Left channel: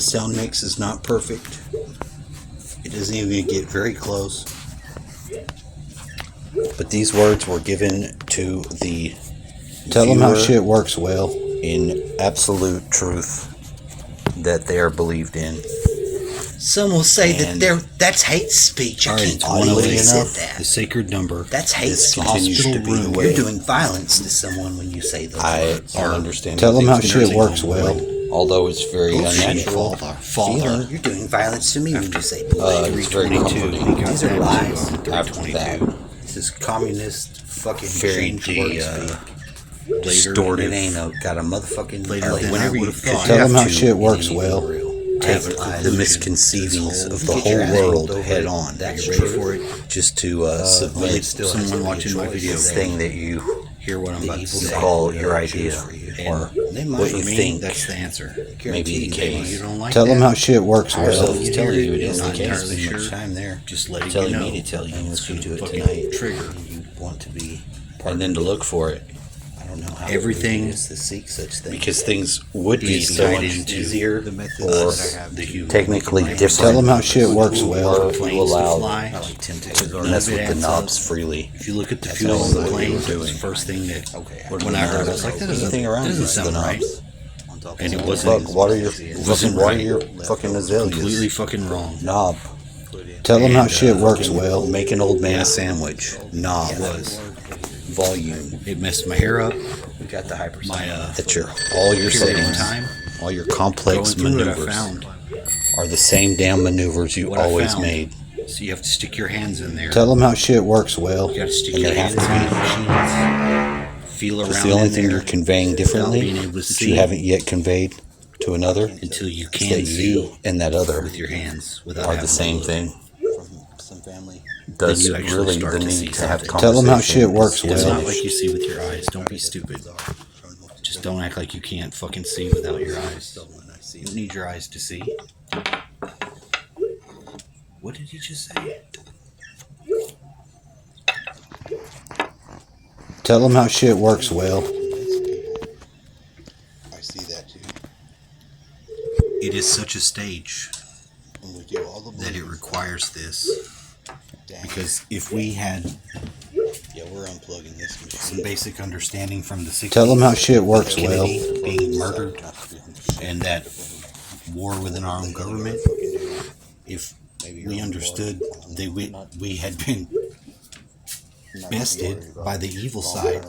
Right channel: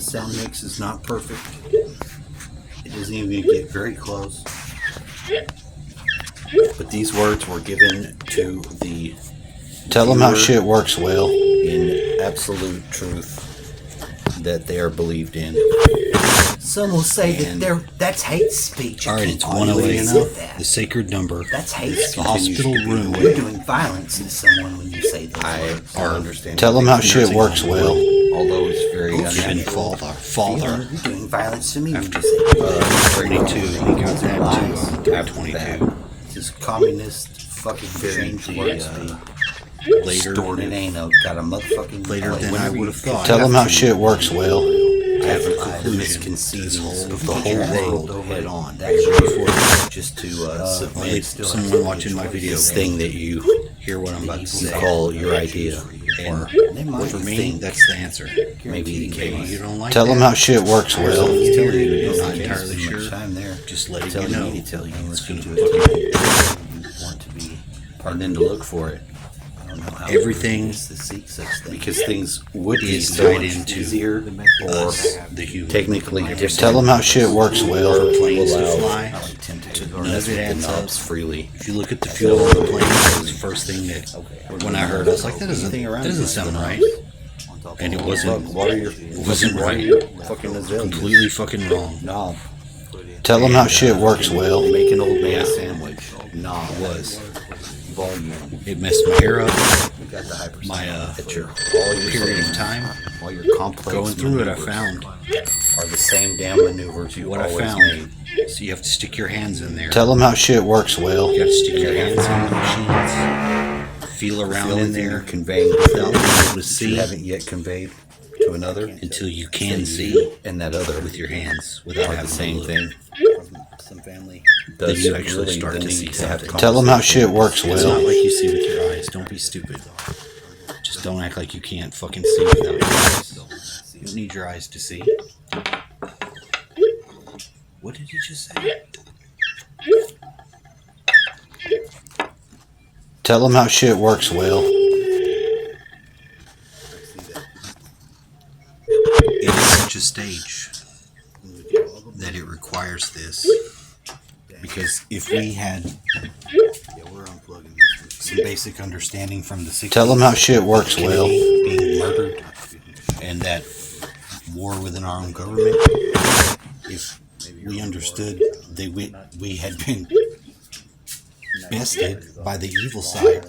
the sound mix is not perfect. It doesn't even get very close. But these words were given to the Tell them how shit works, Will. In absolute truth that they are believed in. Some will say that's hate speech. Alright, it's 108. The sacred number. That's hate speech. The hospital room. You're doing violence to someone when you say those words. I understand. Tell them how shit works, Will. Although it's very unusual. Father. You're doing violence to me when you say 322. He got that too on 322. This communist fucking Very later. It ain't got a motherfucking Later than I would have thought. Tell them how shit works, Will. I have a conclusion. The misconceivings of the whole world head on. Are you ready for it? Just to submit someone watching my video thing that you hear what I'm about to say. Call your idea. And for me, that's the answer. Maybe you don't like Tell that. them how shit works, Will. I'm not entirely sure. Just letting you know. It's going to fucking trigger. And then to look for it. Everything, because things would be tied into us, the human. Technically different. Tell them how shit works, Will. For planes to fly, none of it adds up freely. If you look at the fuel on the plane, that was the first thing that when I heard, I was like, that doesn't sound right. And it wasn't right. Completely fucking wrong. knob. Tell them how shit works, Will. Make an old man a sandwich. Nah, it was volume. It messed my hair up. My all your period of time, all your complex going through it, I found are the same damn maneuvers you always made. So you have to stick your hands in there. Tell them how shit works, Will. You got to stick your hands in the machines. Feel around in there. You're conveying differently that you haven't yet conveyed to another until you can see in that other with your hands without having the same thing. Then you actually start to see something. Tell them how shit works, Will. It's not like you see with your eyes. Don't be stupid. Just don't act like you can't fucking see without your eyes. You don't need your eyes to see. What did you just say? Tell them how shit works, Will. It is such a stage that it requires this. Because if we had some basic understanding from the 60s, Tell them how shit works, Will. Being murdered and that war within our own government, if we understood that we had been bested by the evil side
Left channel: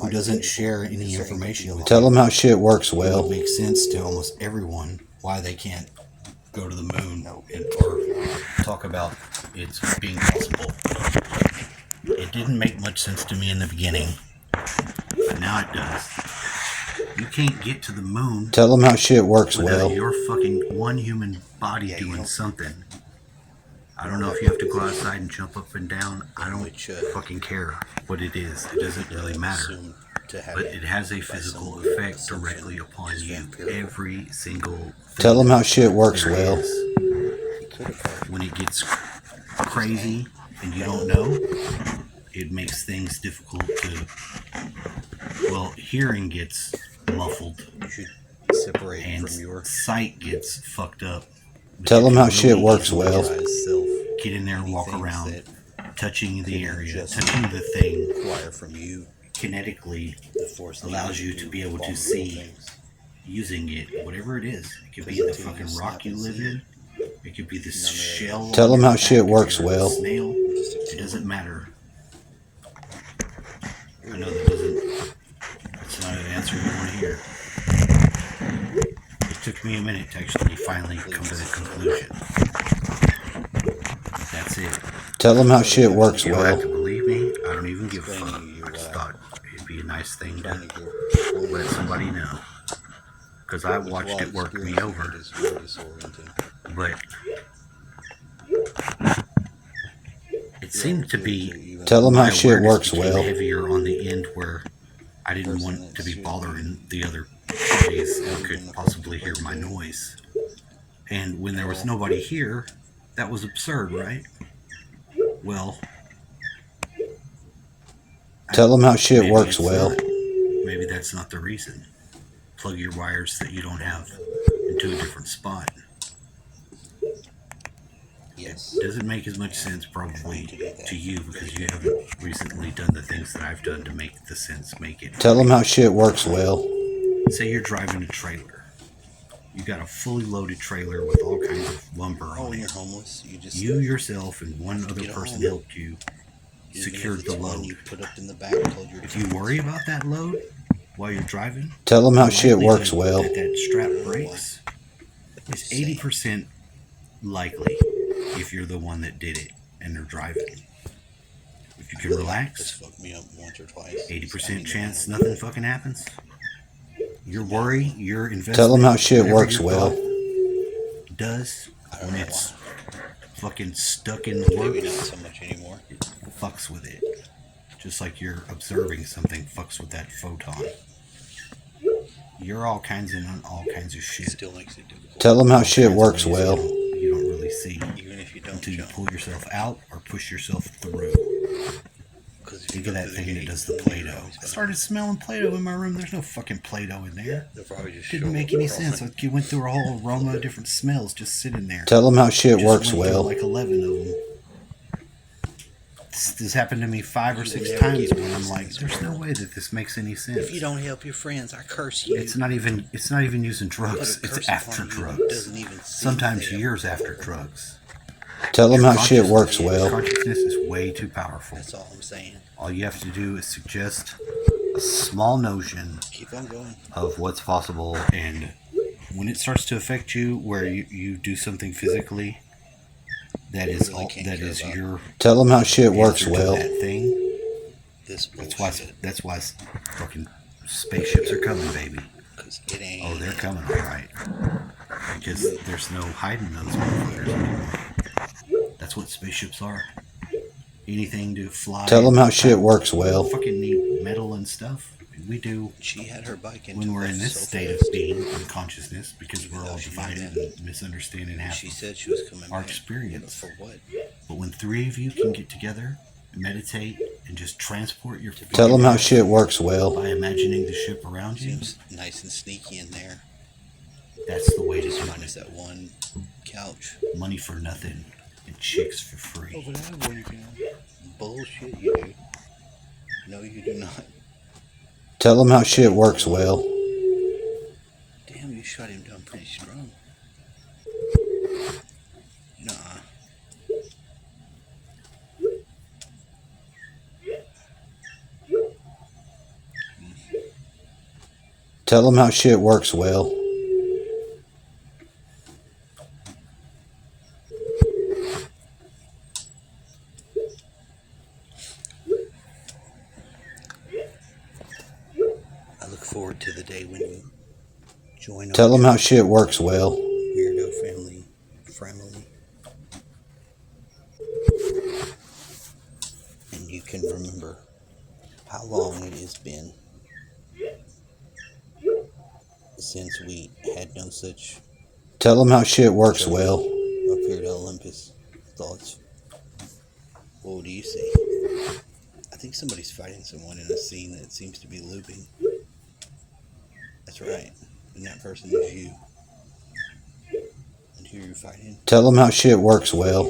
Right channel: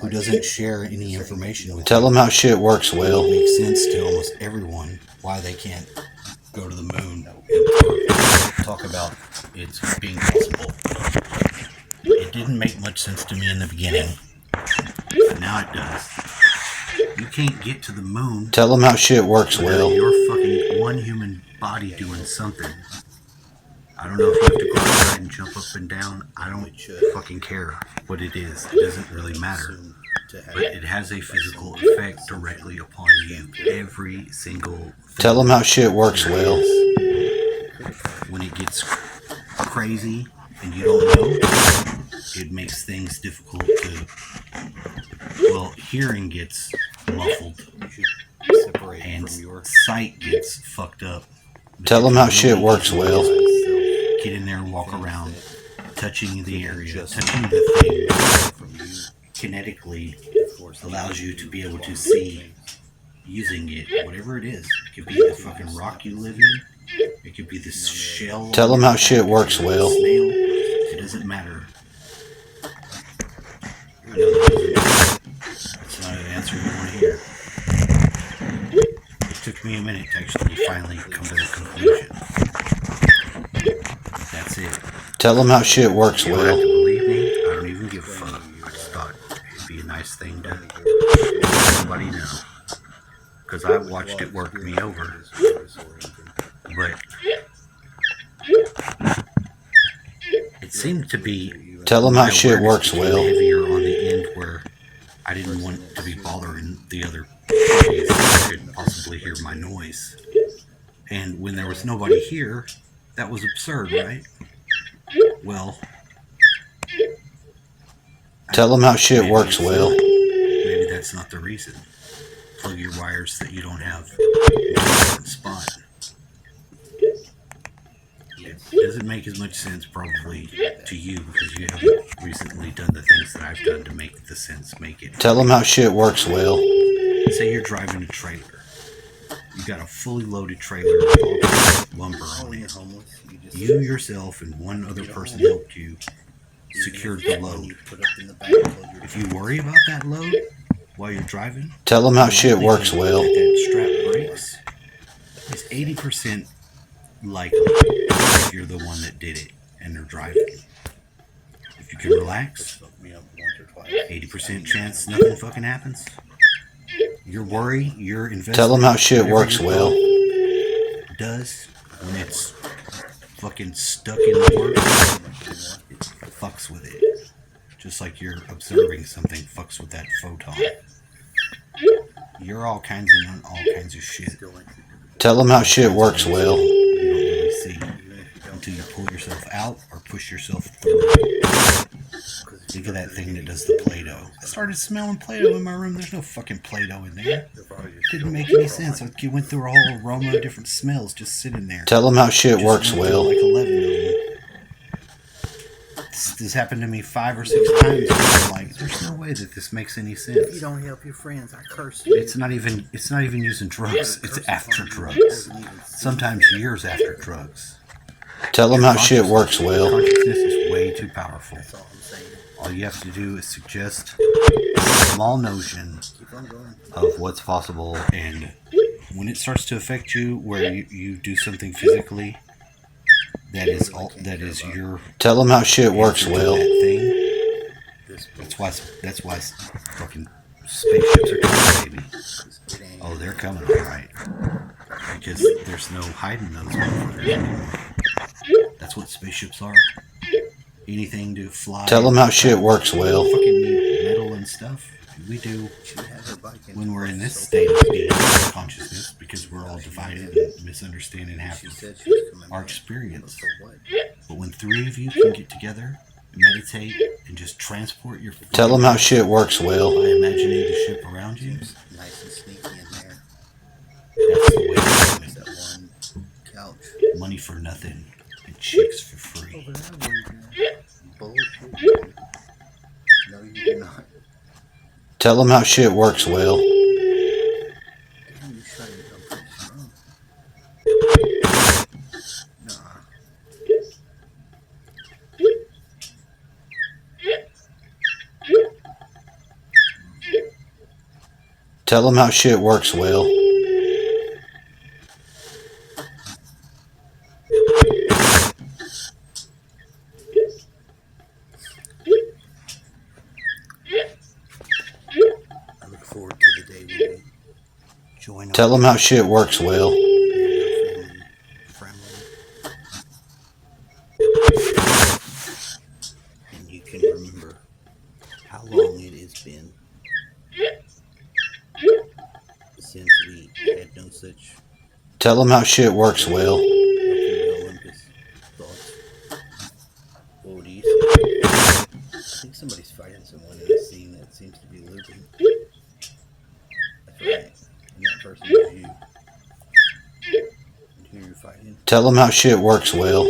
who doesn't share any information with Tell them how shit works, it Will. would make sense to almost everyone why they can't go to the moon and talk about it being possible. It didn't make much sense to me in the beginning, but now it does. You can't get to the moon Tell them how shit works, without Will. your fucking one human body doing something. I don't know if you have to go outside and jump up and down. I don't fucking care what it is. It doesn't really matter. But it has a physical effect directly upon you. Every single thing. Tell them how shit works, Will. When it gets crazy and you don't know, it makes things difficult to, well, hearing gets muffled and sight gets fucked up. But Tell you them can how shit really works, easily Will. just get in there and walk around, touching the area, touching the thing kinetically allows you to be able to see using it, whatever it is. It could be the fucking rock you live in. It could be the shell. Tell them how shit works, or a Will. snail. It doesn't matter. I know that's not an answer you want to hear. It took me a minute to actually finally come to the conclusion. That's it. Tell them how shit works, You don't have Will. to believe me. I don't even give a fuck. I just thought it'd be a nice thing to let somebody know. Because I watched it work me over. But it seemed to be Tell them how my shit awareness works, became Will. heavier on the end where I didn't want to be bothering the other parties that could possibly hear my noise. And when there was nobody here, that was absurd, right? Well, Tell them how shit maybe works, it's Will. not. Maybe that's not the reason. plug your wires that you don't have into a different spot. It doesn't make as much sense probably to you because you haven't recently done the things that I've done to make the sense make it. Tell them how shit works, Will. Say you're driving a trailer. You got a fully loaded trailer with all kinds of lumber on it. You yourself and one other person helped you secured the load. If you worry about that load while you're driving, tell them how shit works, Will. That strap breaks is 80% likely if you're the one that did it and they're driving. If you can relax, 80% chance nothing fucking happens. Your worry, your investment, tell them how shit works, Will. Does when it's fucking stuck in the works, it fucks with it. Just like you're observing something fucks with that photon. You're all kinds of shit. Tell them how shit works, Will. You don't really see until you pull yourself out or push yourself through. Think of that thing that does the Play-Doh. I started smelling Play-Doh in my room. There's no fucking Play-Doh in there. Didn't make any sense. You went through a whole aroma of different smells just sitting there. Tell them how shit works, Will. Like 11 of them. This happened to me 5 or 6 times. And I'm like, there's no way that this makes any sense. If you don't help your friends, I curse you. It's not even using drugs. It's after drugs. Sometimes years after drugs. Tell them how shit works, Will. Consciousness is way too powerful. That's all I'm saying. All you have to do is suggest a small notion of what's possible, and when it starts to affect you, where you do something physically, that is your. Tell them how shit works, Will. That thing. That's why fucking spaceships are coming, baby. Oh, they're coming, all right. Because there's no hiding those motherfuckers anymore. That's what spaceships are. Anything to fly. Tell them how shit works, Will. We fucking need metal and stuff. We do when we're in this state of being consciousness, because we're all divided and misunderstanding half of our experience. But when 3 of you can get together, meditate, and just transport your. Tell them how shit works, Will. By imagining the ship around you. Nice and sneaky in there. That's the way to do it. That one couch. Money for nothing and chicks for free. Bullshit, you do. No, you do not. Tell them how shit works, Will. Damn, you shut him down pretty strong. Nah. Tell them how shit works, Will. Forward to the day when you join. Tell them how shit works, Will. Family. And you can remember how long it has been since we had no such. Tell them how shit works, Will. Up into Olympus thoughts. What do you see? I think somebody's fighting someone in a scene that seems to be looping. That's right. And that person is you. And who you're fighting. Tell them how shit works, Will.